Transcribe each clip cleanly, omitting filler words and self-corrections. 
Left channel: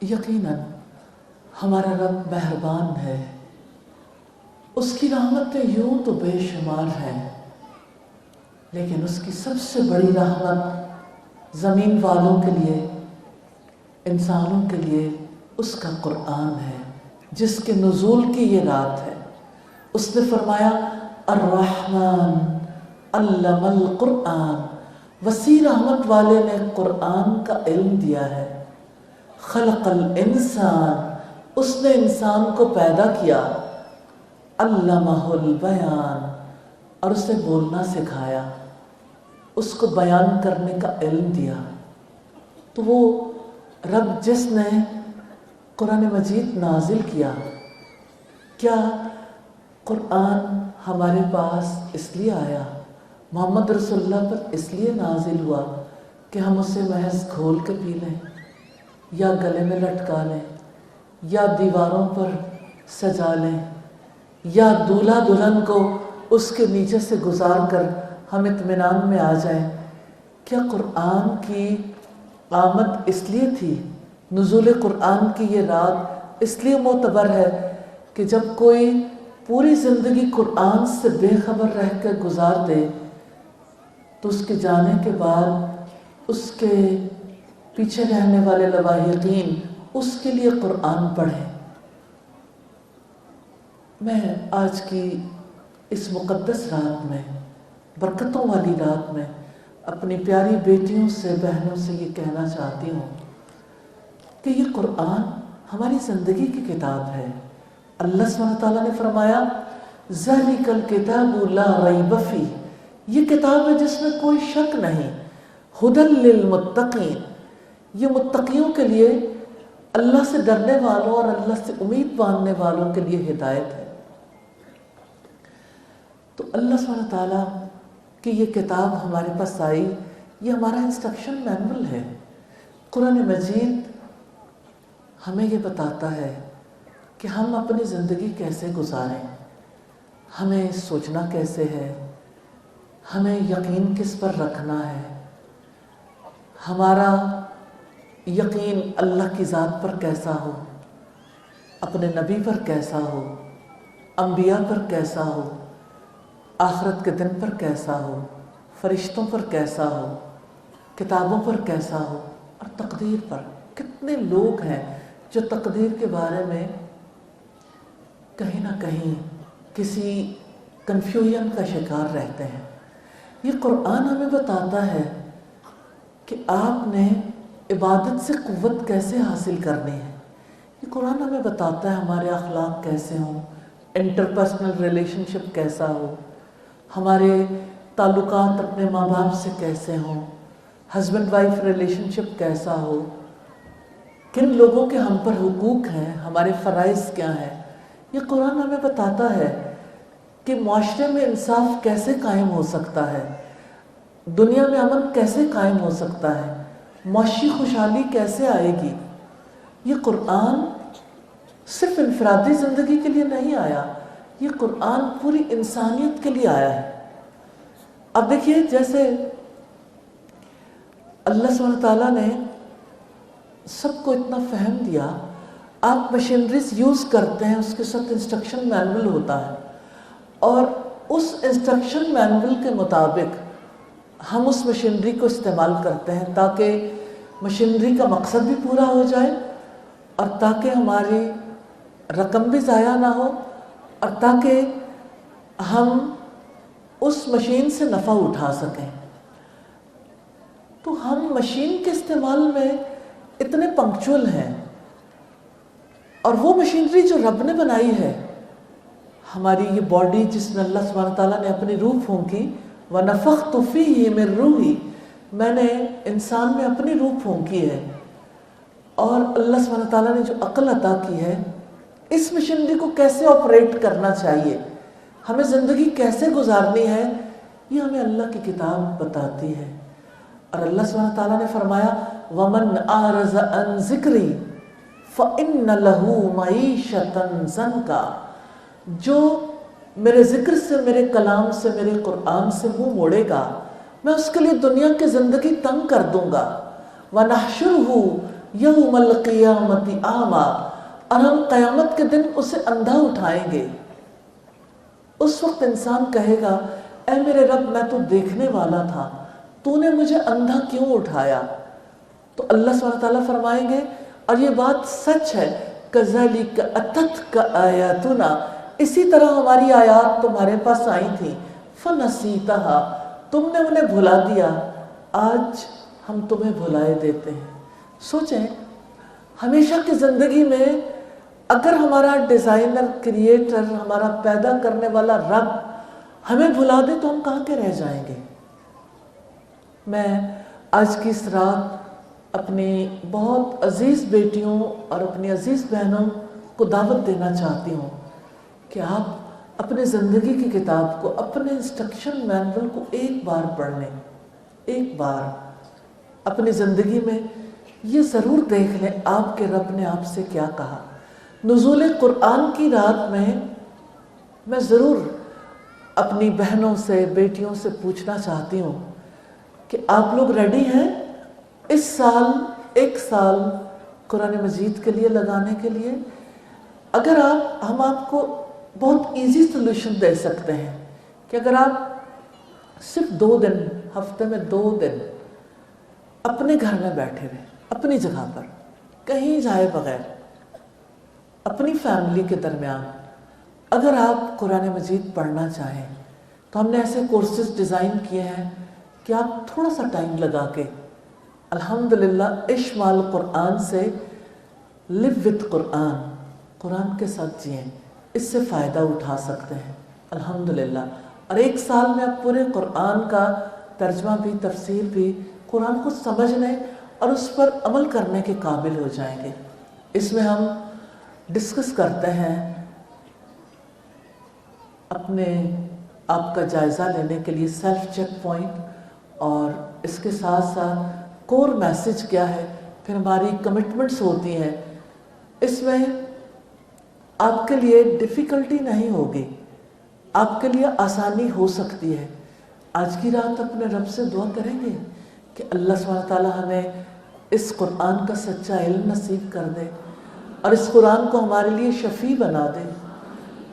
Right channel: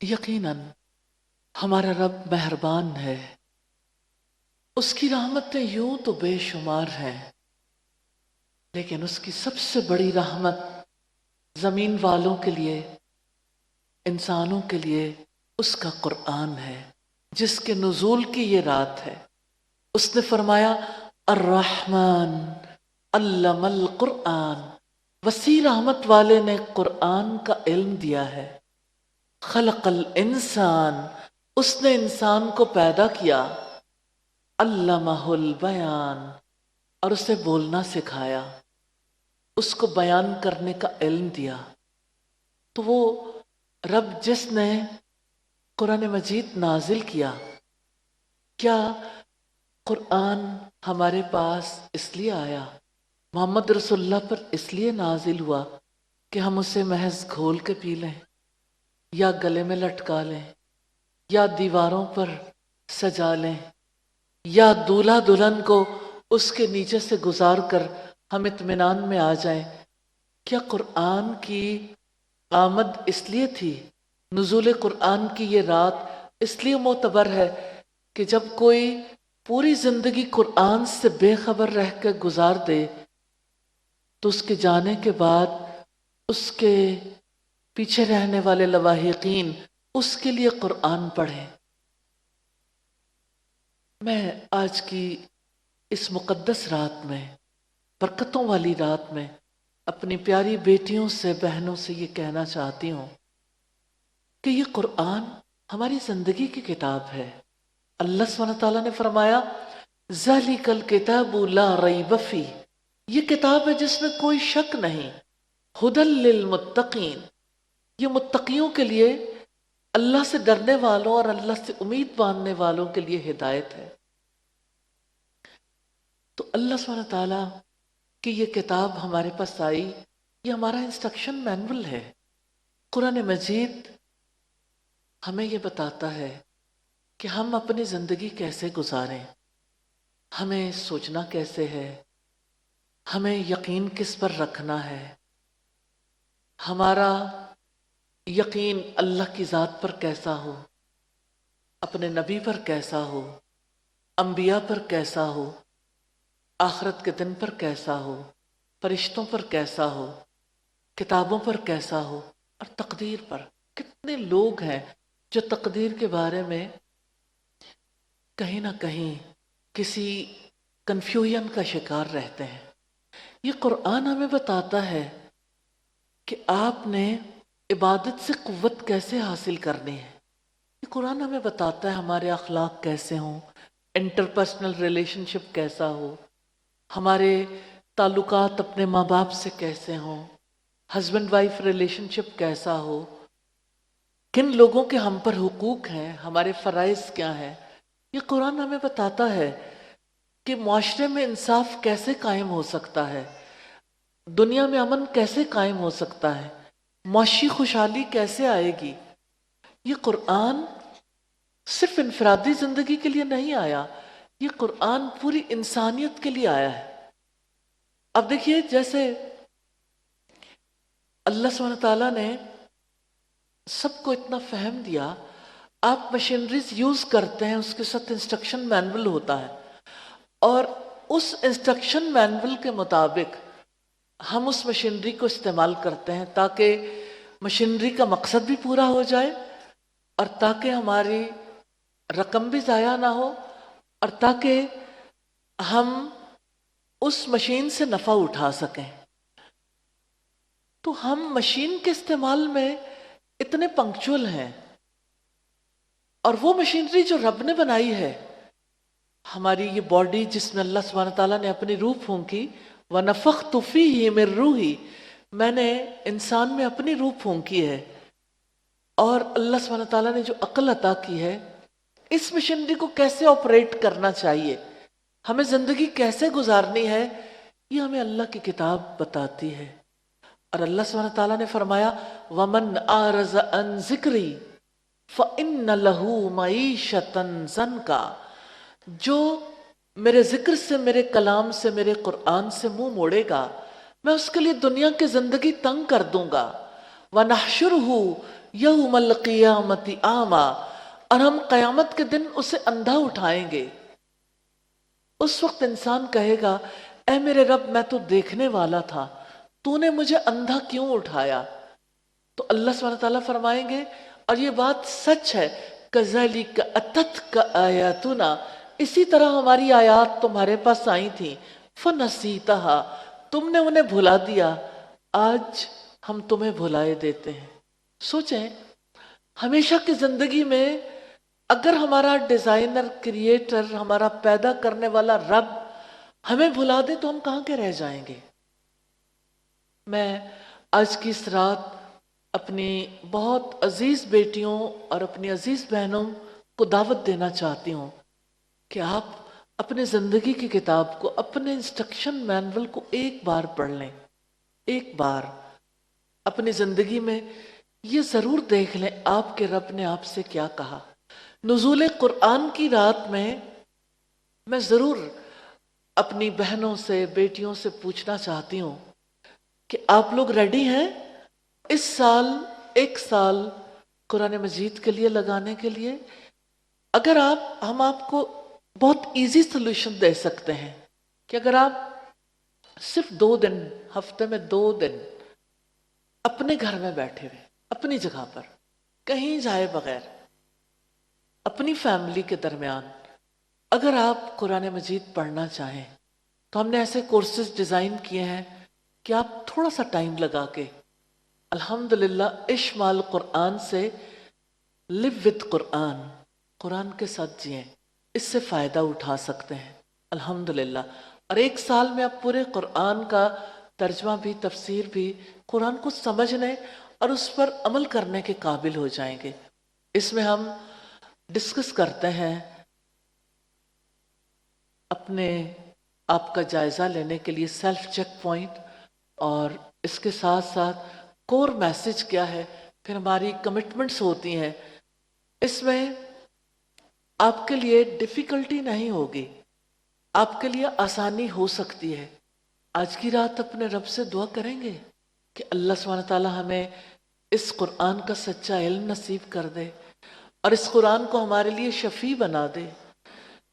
یقیناً ہمارا رب مہربان ہے، اس کی رحمتیں یوں تو بے شمار ہیں، لیکن اس کی سب سے بڑی رحمت زمین والوں کے لیے، انسانوں کے لیے اس کا قرآن ہے، جس کے نزول کی یہ رات ہے۔ اس نے فرمایا الرحمن علم القرآن، وسیع رحمت والے نے قرآن کا علم دیا ہے۔ خلق الانسان، اس نے انسان کو پیدا کیا۔ علمہ البیان، اور اسے بولنا سکھایا، اس کو بیان کرنے کا علم دیا۔ تو وہ رب جس نے قرآن مجید نازل کیا، کیا قرآن ہمارے پاس اس لیے آیا، محمد رسول اللہ پر اس لیے نازل ہوا کہ ہم اسے محض کھول کے پی لیں، یا گلے میں لٹکا لیں، یا دیواروں پر سجا لیں، یا دولہا دلہن کو اس کے نیچے سے گزار کر ہم اطمینان میں آ جائیں؟ کیا قرآن کی آمد اس لیے تھی، نزول قرآن کی یہ رات اس لیے معتبر ہے کہ جب کوئی پوری زندگی قرآن سے بے خبر رہ کے گزار دے تو اس کے جانے کے بعد اس کے پیچھے رہنے والے لواحقین اس کے لیے قرآن پڑھیں۔ میں آج کی اس مقدس رات میں، برکتوں والی رات میں، اپنی پیاری بیٹیوں سے، بہنوں سے یہ کہنا چاہتی ہوں کہ یہ قرآن ہماری زندگی کی کتاب ہے۔ اللہ سبحانہ تعالیٰ نے فرمایا ذَلِكَ الْكِتَابُ لَا رَيْبَ فِيهِ، یہ کتاب ہے جس میں کوئی شک نہیں، هُدًى لِّلْمُتَّقِينَ، یہ متقیوں کے لیے، اللہ سے ڈرنے والوں اور اللہ سے امید باندھنے والوں کے لیے ہدایت ہے۔ تو اللہ سبحانہ تعالیٰ کی یہ کتاب ہمارے پاس آئی، یہ ہمارا انسٹرکشن مینول ہے۔ قرآن مجید ہمیں یہ بتاتا ہے کہ ہم اپنی زندگی کیسے گزاریں، ہمیں سوچنا کیسے ہے، ہمیں یقین کس پر رکھنا ہے، ہمارا یقین اللہ کی ذات پر کیسا ہو، اپنے نبی پر کیسا ہو، انبیاء پر کیسا ہو، آخرت کے دن پر کیسا ہو، فرشتوں پر کیسا ہو، کتابوں پر کیسا ہو، اور تقدیر پر۔ کتنے لوگ ہیں جو تقدیر کے بارے میں کہیں نہ کہیں کسی کنفیوژن کا شکار رہتے ہیں۔ یہ قرآن ہمیں بتاتا ہے کہ آپ نے عبادت سے قوت کیسے حاصل کرنی ہے۔ یہ قرآن ہمیں بتاتا ہے ہمارے اخلاق کیسے ہوں، انٹرپرسنل ریلیشن شپ کیسا ہو، ہمارے تعلقات اپنے ماں باپ سے کیسے ہوں، ہسبینڈ وائف ریلیشن شپ کیسا ہو، کن لوگوں کے ہم پر حقوق ہیں، ہمارے فرائض کیا ہیں۔ یہ قرآن ہمیں بتاتا ہے کہ معاشرے میں انصاف کیسے قائم ہو سکتا ہے، دنیا میں امن کیسے قائم ہو سکتا ہے، معاشی خوشحالی کیسے آئے گی۔ یہ قرآن صرف انفرادی زندگی کے لیے نہیں آیا، یہ قرآن پوری انسانیت کے لیے آیا ہے۔ اب دیکھیے، جیسے اللہ سبحانہ تعالیٰ نے سب کو اتنا فہم دیا، آپ مشینریز یوز کرتے ہیں، اس کے ساتھ انسٹرکشن مینول ہوتا ہے، اور اس انسٹرکشن مینول کے مطابق ہم اس مشینری کو استعمال کرتے ہیں تاکہ مشینری کا مقصد بھی پورا ہو جائے، اور تاکہ ہماری رقم بھی ضائع نہ ہو، اور تاکہ ہم اس مشین سے نفع اٹھا سکیں۔ تو ہم مشین کے استعمال میں اتنے پنکچول ہیں، اور وہ مشینری جو رب نے بنائی ہے، ہماری یہ باڈی جس میں اللہ سبحانہ تعالیٰ نے اپنی روح پھونکی، وَنَفَخْتُ فِيهِ مِن رُوحِي، میں نے انسان میں اپنی روح پھونکی ہے، اور اللہ سبحانہ تعالیٰ نے جو عقل عطا کی ہے، اس مشینری کو کیسے آپریٹ کرنا چاہیے، ہمیں زندگی کیسے گزارنی ہے، یہ ہمیں اللہ کی کتاب بتاتی ہے۔ اور اللہ سبحانہ تعالیٰ نے فرمایا وَمَنْ أَعْرَضَ عَنْ ذِكْرِي فَإِنَّ لَهُ مَعِيشَةً ضَنْكَ، جو میرے ذکر سے، میرے کلام سے، میرے قرآن سے منہ موڑے گا، میں اس کے لیے دنیا کی زندگی تنگ کر دوں گا۔ وَنَحْشُرُهُ यौमल क़ियामति आमा, और हम क़यामत के दिन उसे अंधा उठाएंगे। उस वक्त इंसान कहेगा, ऐ मेरे रब, मैं तो देखने वाला था, तूने मुझे अंधा क्यों उठाया? तो अल्लाह सुब्हानहू व तआला फरमाएंगे, और ये बात सच है, कज़ालिक अततका आयातुना, इसी तरह हमारी आयात तुम्हारे पास आई थी, फनसीतहा, तुमने उन्हें भुला दिया, आज हम तुम्हें भुलाए देते हैं। सोचें, हमेशा की ज़िंदगी में अगर हमारा डिज़ाइनर, क्रिएटर, हमारा पैदा करने वाला रब हमें भुला दे तो हम कहाँ के रह जाएंगे। मैं आज की इस रात अपनी बहुत अजीज़ बेटियों और अपनी अजीज़ बहनों को दावत देना चाहती हूँ कि आप अपने ज़िंदगी की किताब को, अपने इंस्ट्रक्शन मैनुअल को एक बार पढ़ लें। एक बार अपनी ज़िंदगी में ये ज़रूर देख लें आपके रब ने आपसे क्या कहा। नुज़ूल कुरान की रात में मैं ज़रूर अपनी बहनों से, बेटियों से पूछना चाहती हूँ कि आप लोग रेडी हैं इस साल, एक साल कुरान मजीद के लिए लगाने के लिए? अगर हम आपको बहुत इजी सोल्यूशन दे सकते हैं कि अगर आप सिर्फ 2 दिन, हफ्ते में 2 दिन अपने घर में बैठे हुए, अपनी जगह पर, कहीं जाए बगैर, अपनी फैमिली के दरमियान अगर आप कुरान मजीद पढ़ना चाहें तो हमने ऐसे कोर्सेज डिज़ाइन किए हैं कि आप थोड़ा सा टाइम लगा के अल्हम्दुलिल्लाह इश्माल कुरान से लिव विद कुरान, कुरान के साथ जिए, इससे फ़ायदा उठा सकते हैं अल्हम्दुलिल्लाह। और 1 साल में आप पूरे कुरान का तर्जमा भी, तफसीर भी, कुरान को समझने और उस पर अमल करने के काबिल हो जाएंगे। इसमें हम डिस्कस करते हैं अपने आप का जायज़ा लेने के लिए सेल्फ चेक पॉइंट, और इसके साथ साथ कोर मैसेज क्या है, फिर हमारी कमिटमेंट्स होती हैं। इसमें आपके लिए डिफ़िकल्टी नहीं होगी, आपके लिए आसानी हो सकती है। आज की रात अपने रब से दुआ करेंगे कि अल्लाह सुब्हानहू व तआला हमें इस कुरान का सच्चा इल्म नसीब कर दे और इस कुरान को हमारे लिए शफ़ी बना दे।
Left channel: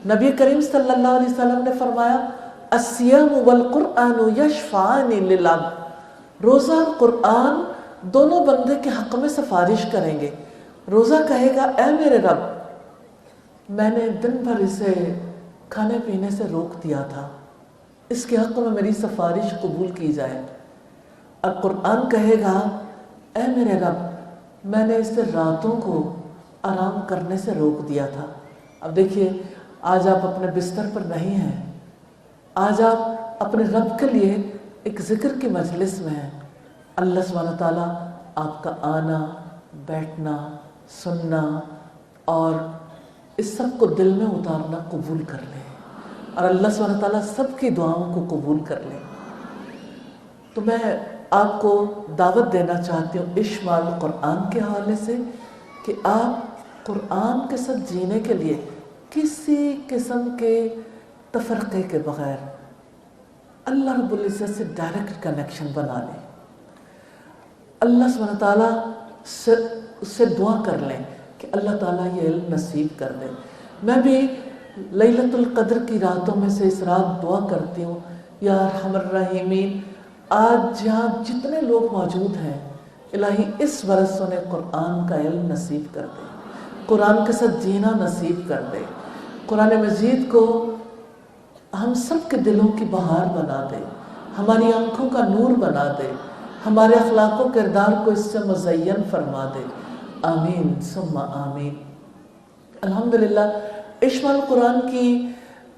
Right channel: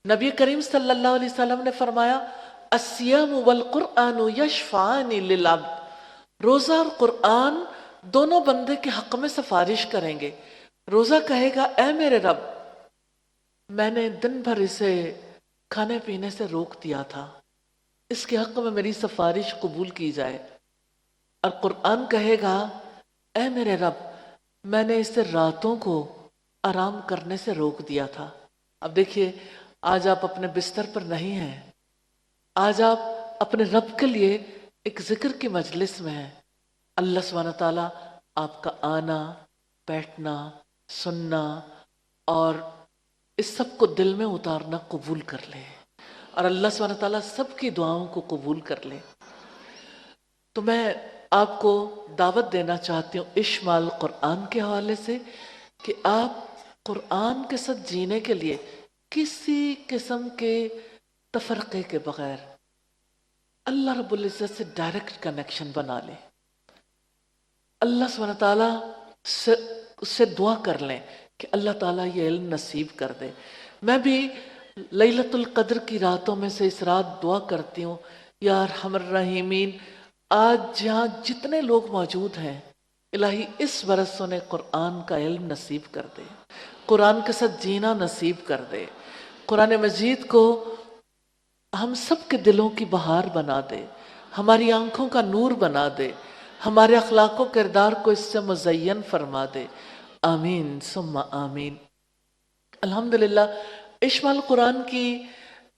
नबी करीम सल्लल्लाहु अलैहि वसल्लम ने फरमाया, अस्सियाम वल कुरान यशफ़ानी लिल अब्द, रोज़ा और कुरान दोनों बंदे के हक़ में सिफारिश करेंगे। रोज़ा कहेगा, ऐ मेरे रब, मैंने दिन भर इसे खाने पीने से रोक दिया था, इसके हक़ में मेरी सिफारिश कबूल की जाए। और कुरान कहेगा, ऐ मेरे रब, मैंने इसे रातों को आराम करने से रोक दिया था। अब देखिए, आज आप अपने बिस्तर पर नहीं हैं, आज आप अपने रब के लिए एक ज़िक्र की मजलिस में हैं। अल्लाह सुब्हानहू व तआला आपका आना, बैठना, सुनना और इस सब को दिल में उतारना कबूल कर ले, और अल्लाह सुब्हानहू व तआला सबकी दुआओं को कबूल कर ले। तो मैं आपको दावत देना चाहती हूँ इश्माल कुरान के हवाले से कि आप कुरान के साथ जीने के लिए किसी किस्म के तफरक़े के बग़ैर अल्लाह रब्बुल इज़्ज़त से डायरेक्ट कनेक्शन बना लें। अल्लाह सुब्हानहू व तआला से उससे दुआ कर लें कि अल्लाह ताला ये इल्म नसीब कर दे। मैं भी लैलतुल क़द्र की रातों में से इस रात दुआ करती हूँ, या अरहमर रहीमीन, आज जहाँ जितने लोग मौजूद हैं, इलाही इस बरस उन्हें कुरान का इल्म नसीब कर दे, कुरान के साथ जीना नसीब कर दे, कुरान मजीद को हम सब के दिलों की बहार बना दे, हमारी आँखों का नूर बना दे, हमारे अखलाक व किरदार को इससे मुज़य्यन फरमा दे। आमीन सुम्मा आमीन। अल्हम्दुलिल्लाह इश्माल कुरान की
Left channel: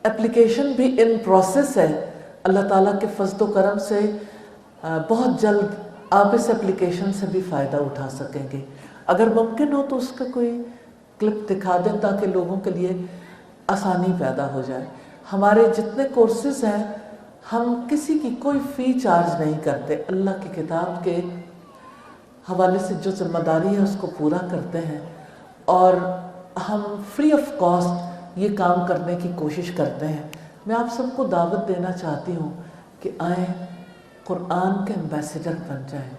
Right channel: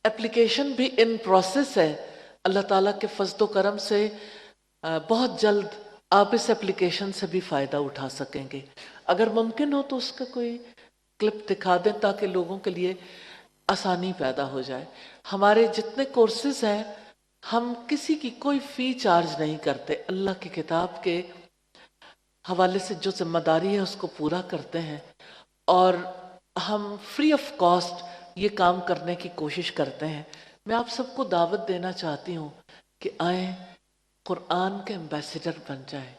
एप्लीकेशन भी इन प्रोसेस है। अल्लाह ताला के फज़्ल व करम से बहुत जल्द आप इस एप्लीकेशन से भी फ़ायदा उठा सकेंगे। अगर मुमकिन हो तो उसका कोई क्लिप दिखा दें ताकि लोगों के लिए आसानी पैदा हो जाए। हमारे जितने कोर्सेज हैं, हम किसी की कोई फ़ी चार्ज नहीं करते। अल्लाह की किताब के हवाले से जो जिम्मेदारी है उसको पूरा करते हैं, और हम फ्री ऑफ कॉस्ट ये काम करने की कोशिश करते हैं। मैं आप सबको दावत देना चाहती हूँ कि आए, कुरान के एम्बेसडर बन जाएं।